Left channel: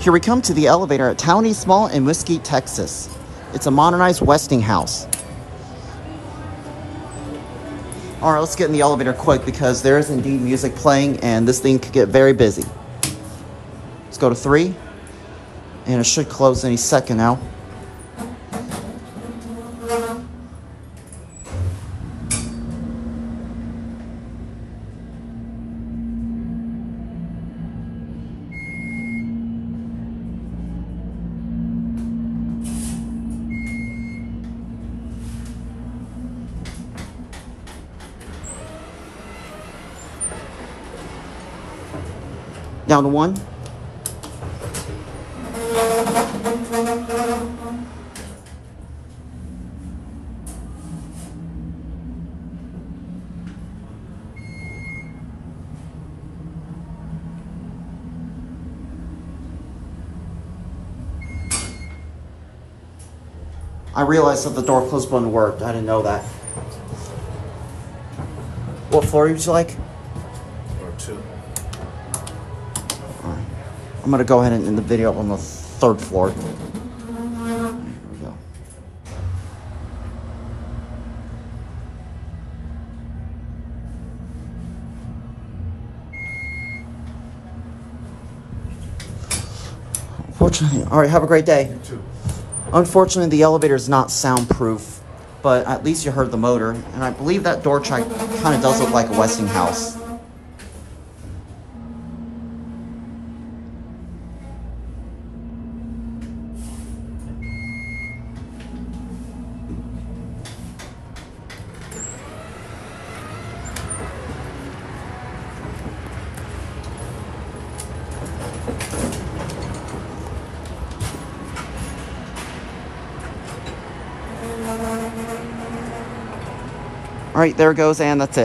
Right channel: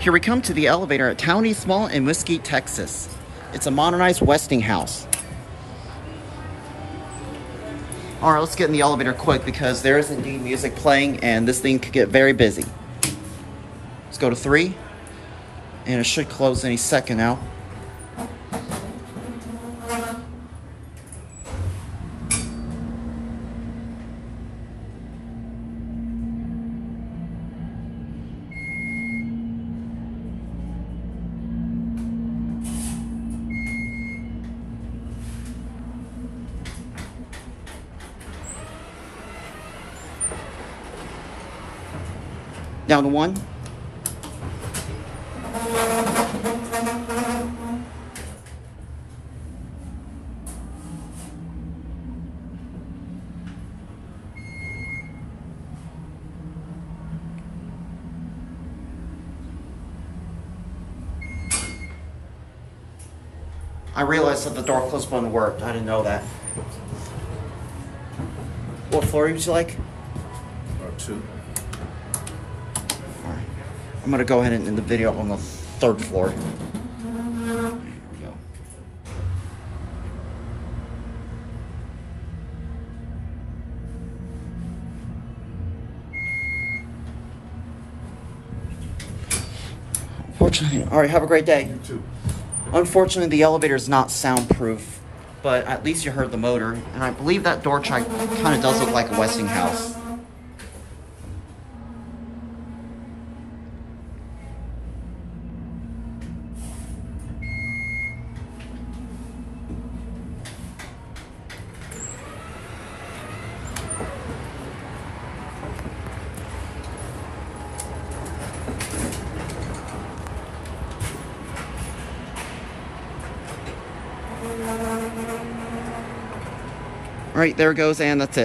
Here we come to the elevator at Town East Mall in Mesquite, Texas. It's a modernized Westinghouse. All right, let's get in the elevator quick because there is indeed music playing and this thing could get very busy. Let's go to 3, and it should close any second now. Down to 1. I realized that the door close button worked. I didn't know that. What floor would you like? Or 2. I'm gonna go ahead and end the video on the 3rd floor. Here we go. Unfortunately, all right, have a great day. You too. Unfortunately, the elevator is not soundproof, but at least you heard the motor, and I believe that door chime kind of does look like a Westinghouse. All right, there it goes, and that's it.